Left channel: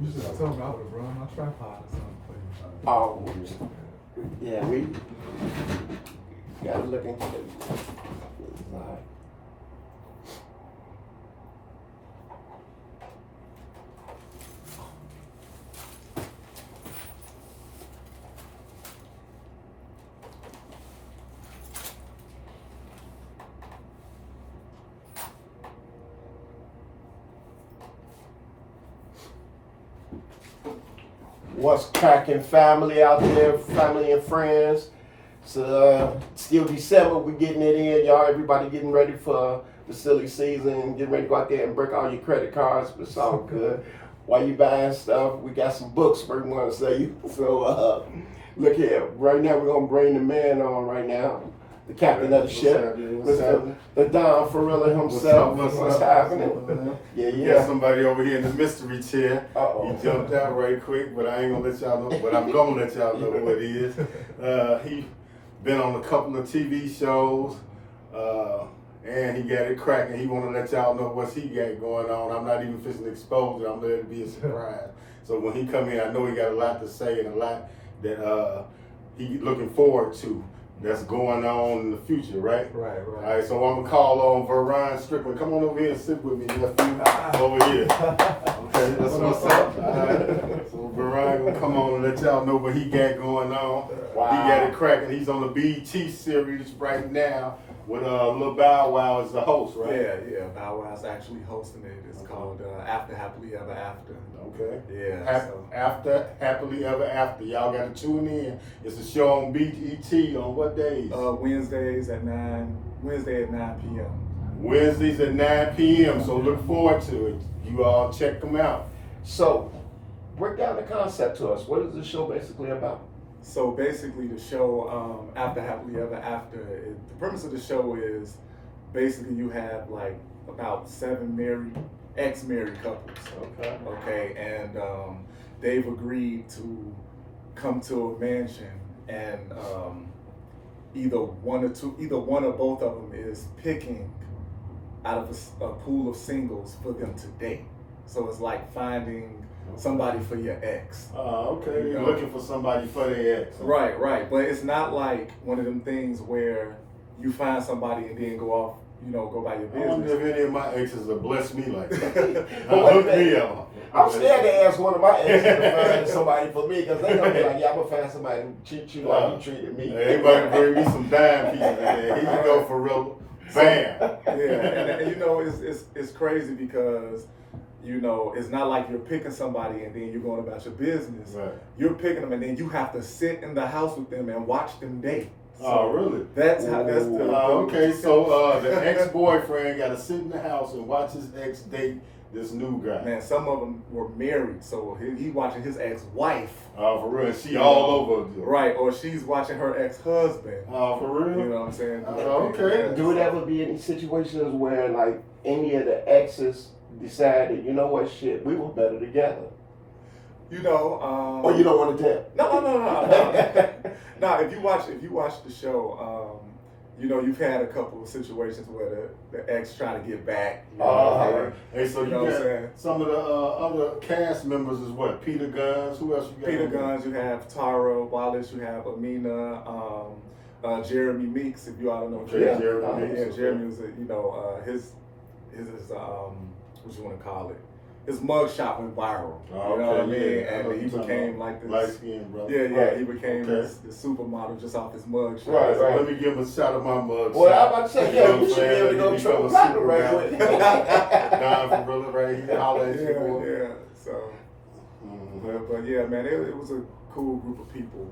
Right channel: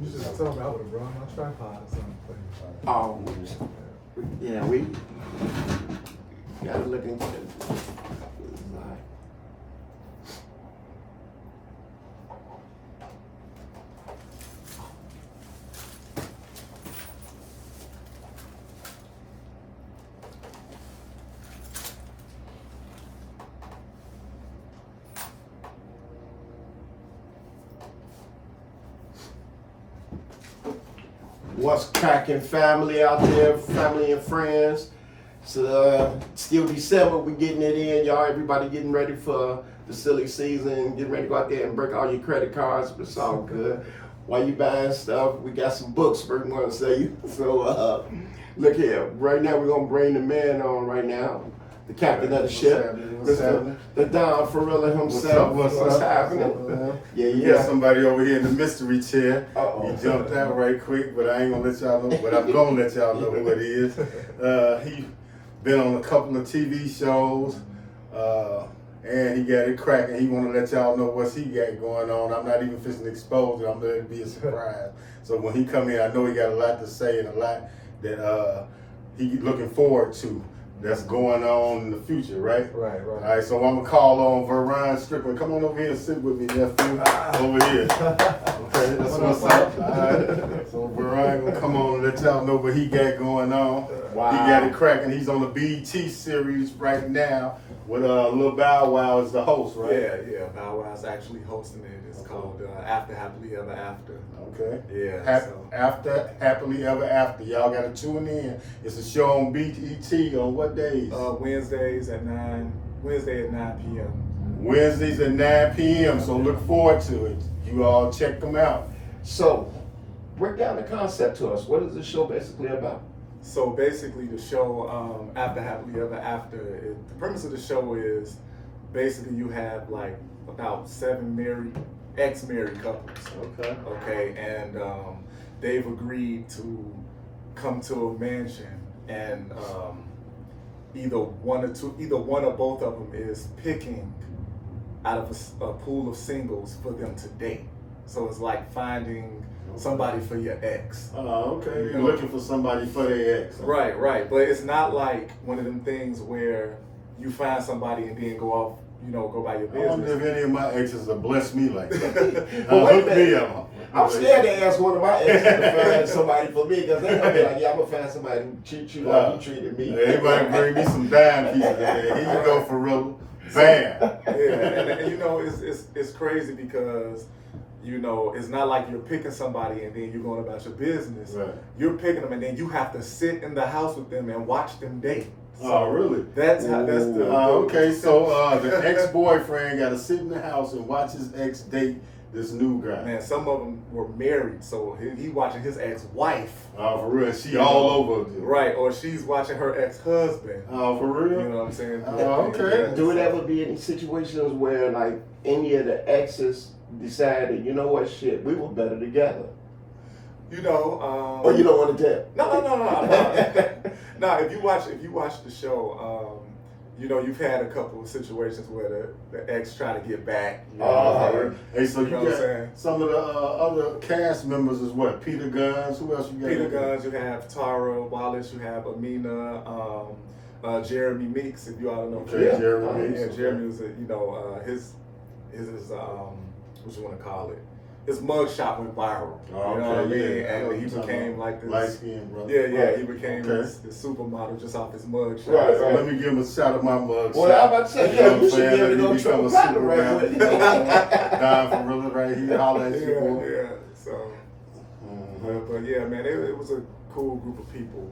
You should have told me I would have brought my tripod or something for you. Oh, yeah, we gotta look into it. All right. What's cracking, family out there, family and friends? So still December, we getting it in, y'all. Everybody getting ready for the silly season, getting ready to go out there and break all your credit cards. It's all good. While you buying stuff, we got some books we want to sell you. So look here, right now we're gonna bring the man on right now, the captain of the ship, Mr. Don Farilla himself. What's happening? Yeah, Yeah. got somebody over here in the mystery chair. Uh-oh. He jumped out right quick, but I ain't gonna let y'all know. But I'm gonna let y'all know what he is. He been on a couple of TV shows, and he got it cracking. He wanna let y'all know what he got going on. I'm not even fixing to expose it. I'm letting it be a surprise. So when he come in, I know he got a lot to say and a lot that he looking forward to. That's going on in the future, right? Right. All right, so I'm gonna call on Veron Strickland. Come on over here and sit with me, nephew. Over here. Okay, that's what's up. All right. So Veron gonna come on and let y'all know what he got going on. Wow. He got it cracking. He's on the BET series right now with Lil Bow Wow as the host, right? Yeah. Bow Wow's actually hosting it. It's called After Happily Ever After. Okay. Yeah. After Happily Ever After. Y'all gotta tune in. It's a show on BET on what days? Wednesday at 9 p.m. Wednesdays at 9 p.m. So look forward to it. You all check them out. So, break down the concept to us. What is this show basically about? So basically, the show After Happily Ever After. The premise of the show is basically you have like about 7 ex-married couples. Okay. Okay, and they've agreed to come to a mansion, and either one or both of them is picking out of a pool of singles for them to date. So it's like finding somebody for your ex. Okay. You're looking for somebody for their ex. Right. But it's not like one of them things where you find somebody and then go off, go by your I wonder business. if any of my exes have blessed me like that. But wait a Hook me minute. up. I'm scared to ask one of my exes to find somebody for me because they're gonna be like, yeah, I'm gonna find somebody to treat you like you treated me. Everybody bring me some dime pieces. Here you go, for real. Bam. Yeah, and it's crazy because it's not like you're picking somebody and then you're going about your business. Right. You're picking them and then you have to sit in the house with them and watch them date. Oh, really? That's the Okay, so the ex-boyfriend got to sit in the house and watch his ex date this new guy. Man, some of them were married, so he watching his ex-wife. Oh, for real? She all over it. Right, or she's watching her ex-husband. Oh, for real? You know what I'm saying? Oh, okay. Yeah, Do it so- ever be any situations where like any of the exes decided, you know what, shit, we were better together? Or you don't want to tell? No. No, if you watch the show, you've had a couple of situations where the ex try to get back. Hey, so you know what I'm got saying? some of the other cast members is what? Peter Guns. Who else you got? Peter Guns, you have Tara Wallace, you have Amina, Jeremy Meeks, if you all don't know. Okay, Yeah. Jeremy. Yeah, Jeremy was, his what you want to call it? His mugshot went viral. Oh, you know what I mean? yeah. And he became like this. Light skinned brother. Yeah, he became Okay. this supermodel just off his mugshot. Right. So let me give him a shout of my mug. Well, I'm about to say, You know yo, you what should I'm be able to saying? go He triple become a platinum super right rapper. quick. Don Farilla right here, holla at you. Yeah. So, but yeah, man, it was a cool group of people,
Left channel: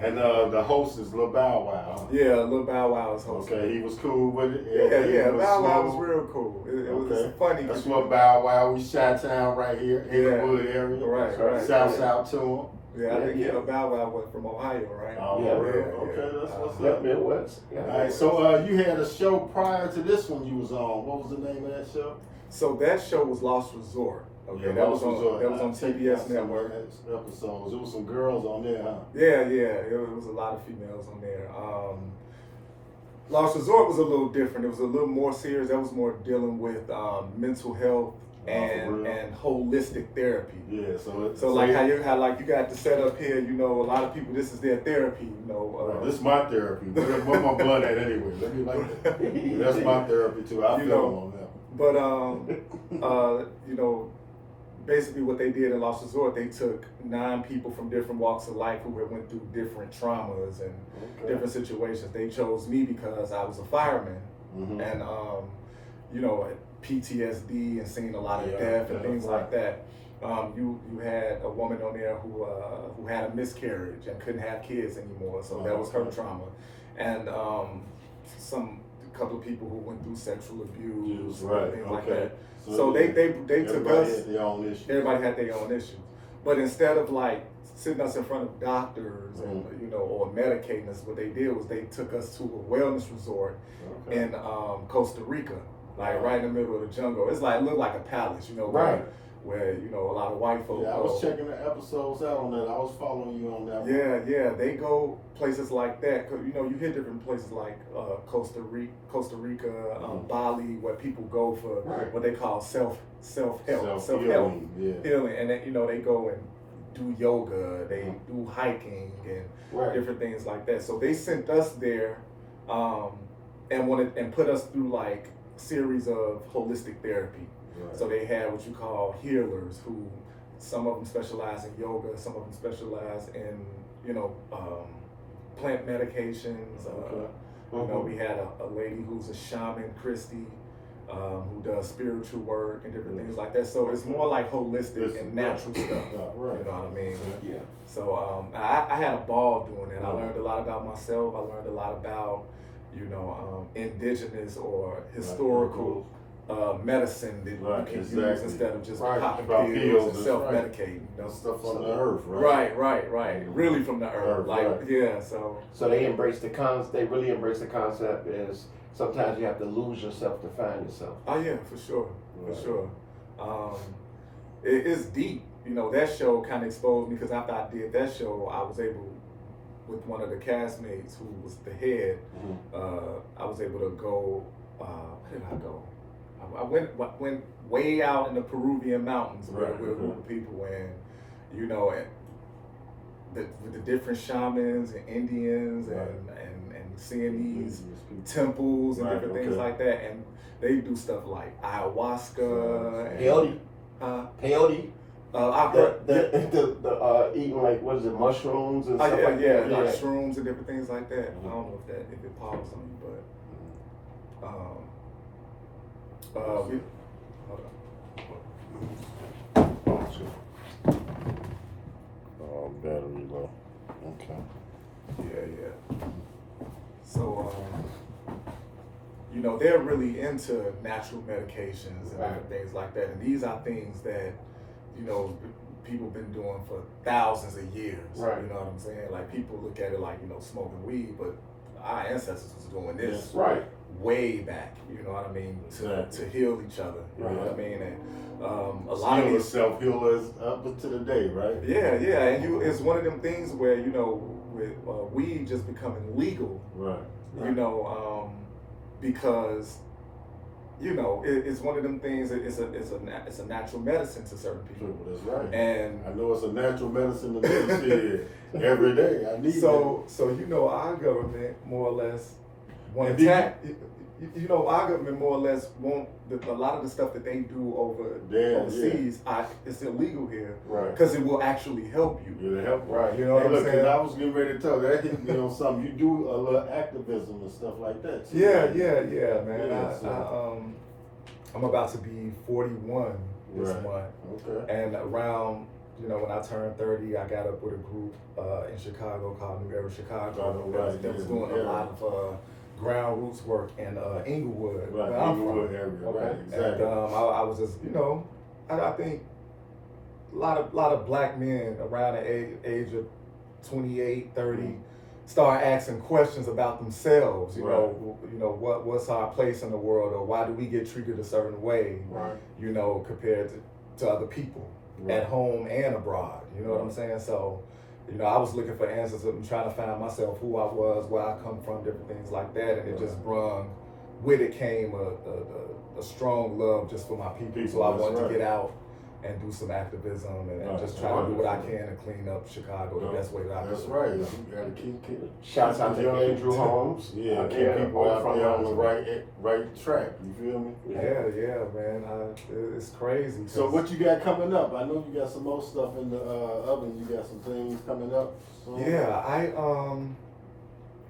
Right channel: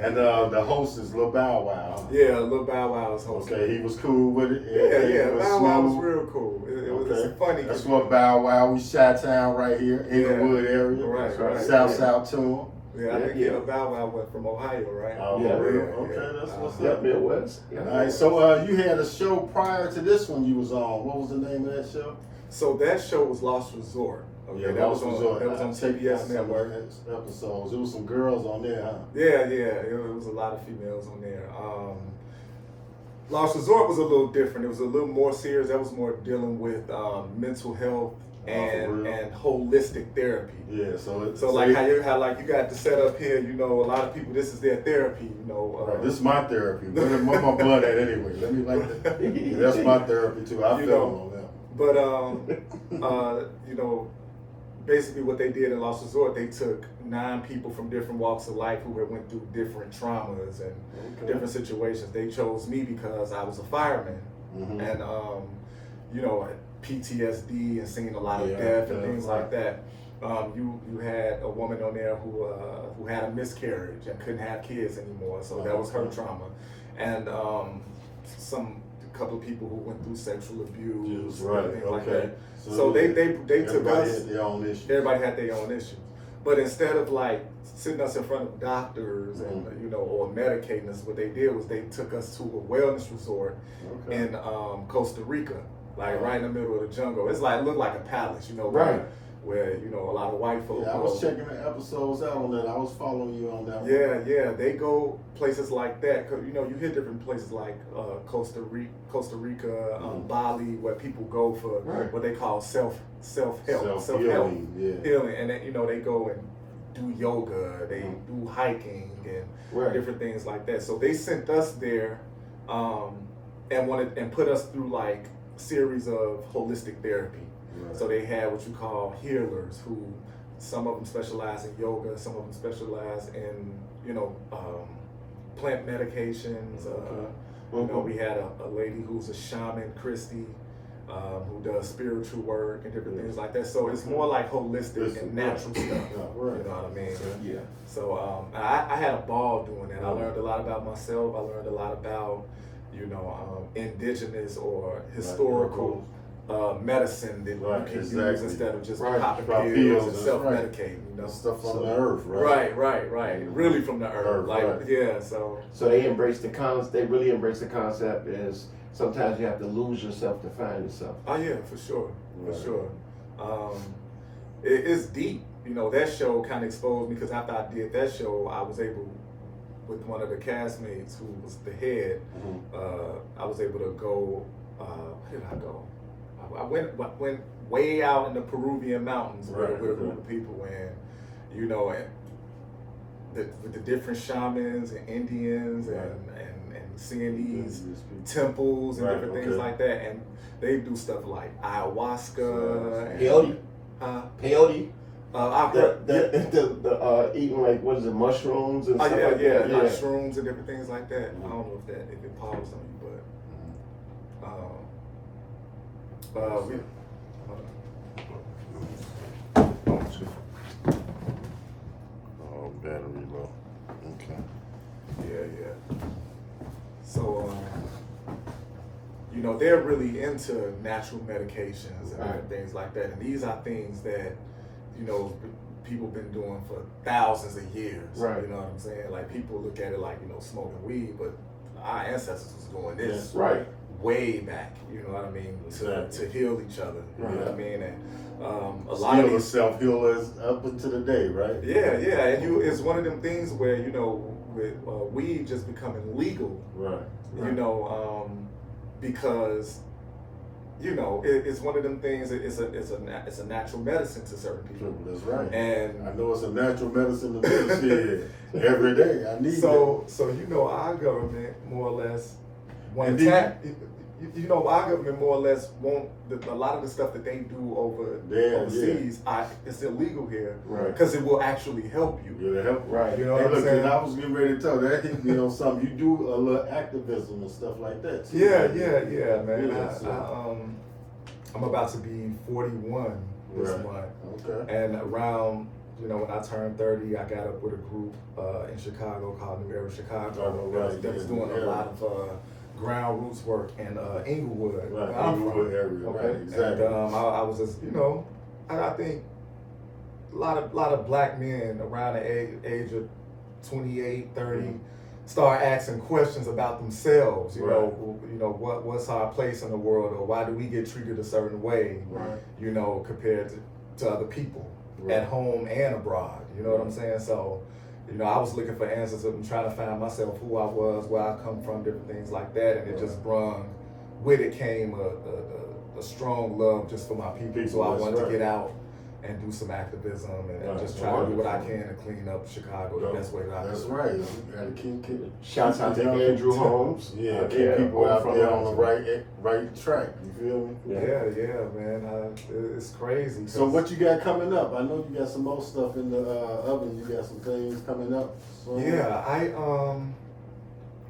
And the host is Lil Bow Wow. yeah, Lil Bow Wow was hosting. Okay, he was cool with it. Yeah, It was Bow Wow was smooth. real cool. It was Okay. funny. That's what Bow Wow. We Chi-Town right here in the Wood area. Right. Shout to him. Yeah, I think Yeah. Bow Wow went from Ohio, right? Oh, Yeah. really? Okay, that's what's Yep, up. Midwest. All right, so you had a show prior to this one you was on. What was the name of that show? So that show was Lost Resort. Okay, that was on CBS Network. Episodes. There was some girls on there, huh? Yeah, it was a lot of females on there. Lost Resort was a little different. It was a little more serious. That was more dealing with mental health Oh, and holistic therapy. Yeah, So like how you got the setup here, you know, a lot of people, this is their therapy, you know. Right. This is my therapy. Where my blood at anyway? Let me like that. Yeah, that's my therapy too. I feel on that. But You know, basically what they did in Lost Resort, they took 9 people from different walks of life who had went through different traumas and different situations. They chose me because I was a fireman, and you know, PTSD and seeing a lot of death and things like that. You had a woman on there who had a miscarriage and couldn't have kids anymore, so that was her trauma, and a couple of people who went through sexual abuse, things like that. So they took us. Had their own issues. Everybody had their own issues, but instead of like sitting us in front of doctors and you know, or medicating us, what they did was they took us to a wellness resort in Costa Rica, like right in the middle of the jungle. It's like, it looked like a palace, you know, where you know, a lot of white folks. Yeah, I was checking the episodes out on that. I was following you on that. Yeah, they go places like that. 'Cause, you know, you hear different places like Costa Rica, Bali, where people go for what they call self-help, healing, healing, and then, you know, they go and do yoga, they do hiking and different things like that. So they sent us there, and put us through like series of holistic therapy. So they had what you call healers, who some of them specialize in yoga, some of them specialize in, you know, plant medications. You know, we had a lady who's a shaman, Christy, who does spiritual work and different things like that. So it's more like holistic and natural stuff. You know what I mean? Yeah. So I had a ball doing that. I learned a lot about myself. I learned a lot about, you know, indigenous or historical medicine that you can use instead of just popping pills and self-medicating, you know. Stuff from the earth, right? Right. Really from the earth. So they embrace they really embrace the concept as sometimes you have to lose yourself to find yourself. Oh yeah, for sure. It's deep. You know, that show kind of exposed me, because after I did that show, I was able, with one of the castmates who was the head, I was able to go, where did I go? I went way out in the Peruvian mountains with a group of people, and you know, and with the different shamans and Indians and seeing these temples and different things like that, and they do stuff like ayahuasca, peyote. Peyote. I've heard the eating, like, what is it, mushrooms and stuff like that. Like shrooms and different things like that. I don't know if it powers on you, but battery low. Okay. Yeah. So, you know, they're really into natural medications and different things like that. And these are things that, you know, people have been doing for thousands of years. You know what I'm saying? Like, people look at it like, you know, smoking weed, but our ancestors was doing this way back, you know what I mean, to heal each other. You know what I mean? And a lot of these self-healers up to the day, right? Yeah, and it's one of them things where, you know, with weed just becoming legal, you know, because, you know, it's one of them things. It's a natural medicine to certain people. That's right. And I know it's a natural medicine to me every day. I need so you know, our government more or less you know, our government more or less won't. A lot of the stuff that they do overseas, it's illegal here, because it will actually help you. It'll help, You know what I'm saying? I was getting ready to tell that hit me on something. You do a little activism and stuff like that too. Yeah, man. I'm about to be 41 this month. Okay. And around, you know, when I turned 30, I got up with a group in Chicago called New Era Chicago that was doing a lot of ground roots work in Inglewood, where I'm from. Area, exactly. And I was just, you know, I think a lot of black men around the age of 28, 30 start asking questions about themselves. You know, what's our place in the world, or why do we get treated a certain way? You know, compared to other people at home and abroad. You know what I'm saying? So, you know, I was looking for answers and trying to find myself, who I was, where I come from, different things like that, and it just brung with it came a strong love just for my people. So I That's wanted right. to get out and do some activism and Right. just try to do what I can to clean up Chicago the best way that I That's can. right. You gotta keep Shouts out to young Andrew people- Holmes. Yeah, out keep there, people over out from there on the Mountain. right track. You feel me? Yeah, man. It's crazy. So 'cause- what you got coming up? I know you got some more stuff in the oven. You got some things coming up. So, Yeah,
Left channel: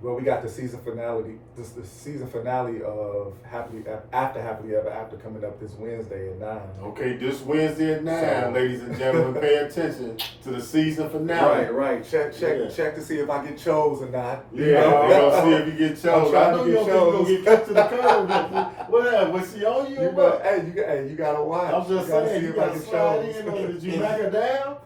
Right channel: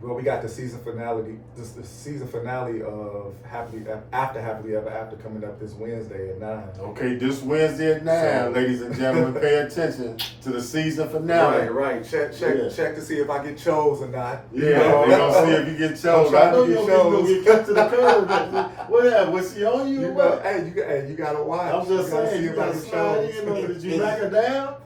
well, we got the season finale. This the season finale of Happily Ever After coming up this Wednesday at 9. Okay, this Wednesday at 9, So- ladies and gentlemen, pay attention to the season finale. Right. Check to see if I get chose or not. Yeah, they gonna see if you get chosen. I trying know to you get gonna get kicked to the chosen. curb. What? Was she on you? You or know, what? hey, you gotta watch. I'm just You gotta saying, see you if I gotta get slide chose. in on it. Did you back her down?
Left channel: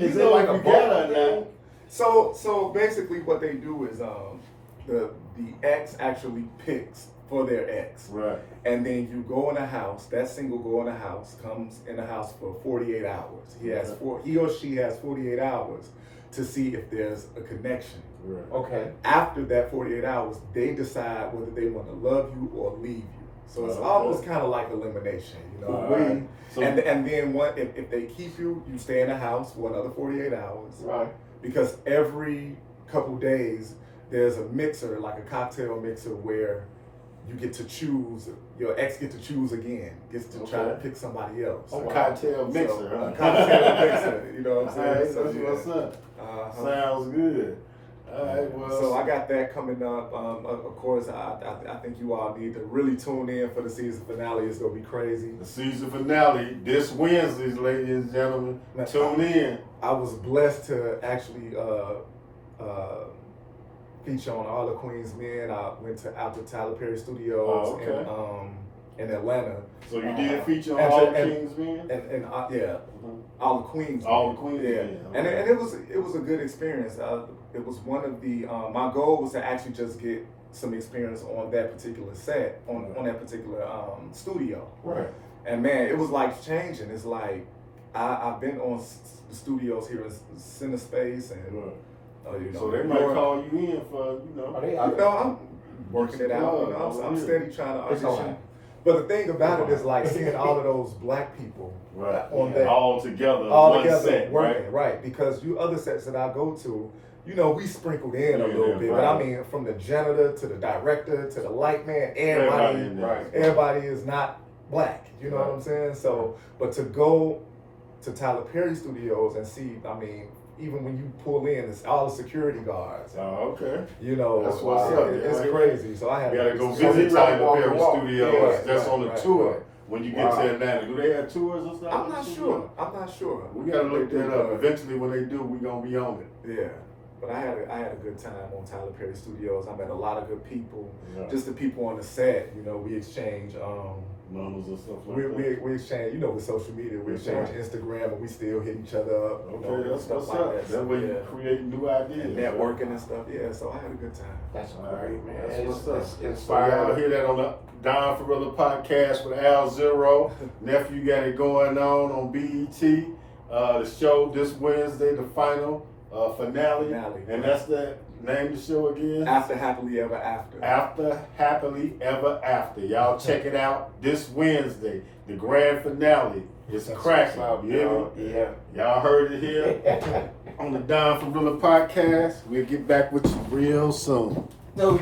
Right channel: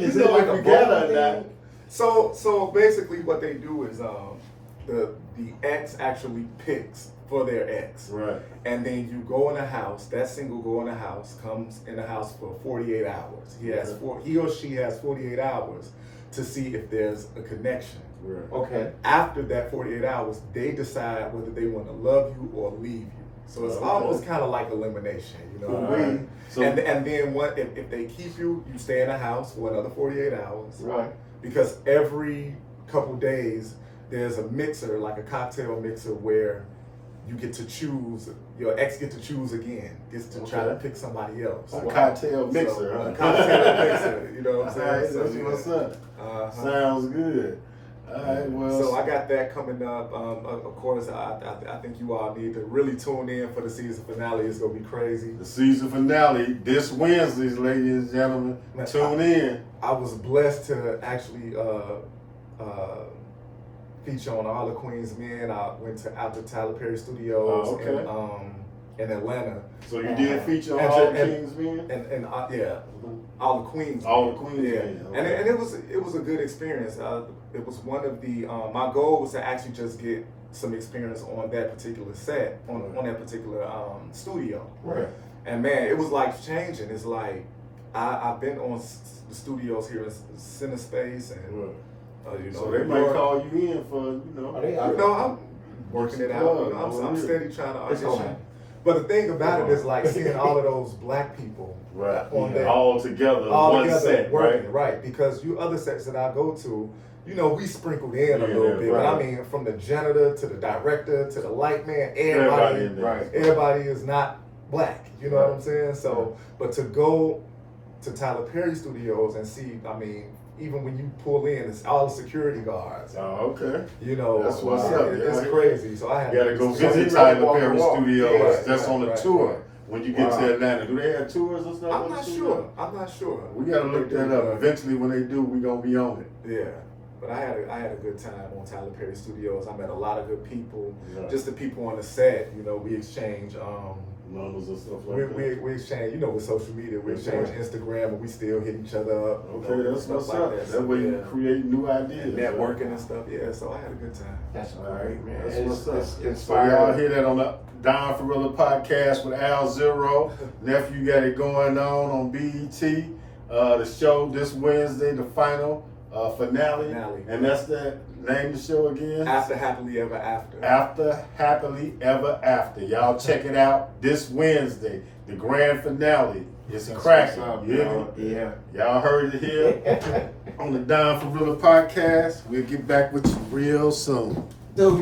You Is know it like if a you get bowling her now. thing? So basically, what they do is the ex actually picks for their ex, Right. and then you go in a house. That single go in a house, comes in the house for 48 hours. He or she has 48 hours to see if there's a connection. Right. Okay. After that 48 hours, they decide whether they want to love you or leave you. So it's Okay. almost kind of like elimination, you know. Right. So- and then if they keep you, you stay in the house for another 48 hours. Right. Because every couple days there's a mixer, like a cocktail mixer, where you get to choose. Your ex get to choose again. Gets to try to Okay. pick somebody else. A cocktail mixer. So, huh? a cocktail mixer. You know what I'm saying? Alright, So, that's yeah. what's up. Uh-huh. Sounds good. All right, well. So I got that coming up. Of course, I think you all need to really tune in for the season finale. It's gonna be crazy. The season finale this Wednesday, ladies and gentlemen. Man, Tune in. I was blessed to actually feature on All the Queen's Men. I went out to Tyler Perry Studios Oh, okay. in Atlanta. So you did feature on and All to- the and- King's Men? And yeah, All the Queens. All Men. the Queens Yeah, Men, and okay. it was a good experience. It was one of the my goal was to actually just get some experience on that particular set on that particular studio. Right. And man, it was life changing. It's like I've been on the studios here at CineSpace and you know, So they New might York. call you in for, Are they You know, I'm working it out. You know, I'm steady trying to It's all audition. right. But the thing about it is like seeing all of those black people Right. on that All together, all one together set, working, right? right? Because you other sets that I go to, you know, we sprinkled in a Yeah, little bit. But I right. mean, from the janitor to the director to the light man, Everybody in there. Right. everybody is not black. You know what I'm saying? So, but to go to Tyler Perry Studios and see, I mean, even when you pull in, it's all the security guards. Oh, okay. You know, That's what's up. it's Yeah. crazy. So I had You gotta go So visit he really Tyler walk Perry the walk. Studios. Right, That's right, on the right, tour right. when you get Wow. to Atlanta. Do they have tours and stuff? I'm not sure. I'm not sure. We gotta look They that do, up. but- Eventually, when they do, we gonna be on it. Yeah, but I had a good time on Tyler Perry Studios. I met a lot of good people. Right. Just the people on the set, you know, we exchange. Numbers and stuff like We, that. we exchange, you know, with social media, we exchange Instagram, and we still hit each other up. you know, Okay, and that's stuff what's like up. that. That So, way yeah. you create new ideas. And networking and stuff. Yeah, so I had a good time. That's All great, right, man. That's It's- what's up. it's So inspiring. y'all hear that on the Don Ferrilla podcast with Al Zero. Nephew got it going on BET. The show this Wednesday, the final finale. And that's the name of the show again? After Happily Ever After. After Happily Ever After. Y'all check it out this Wednesday. The grand finale is cracking. what's up, You hear y'all. me? Yeah. Y'all heard it here on the Don Ferrilla podcast. We'll get back with you real soon.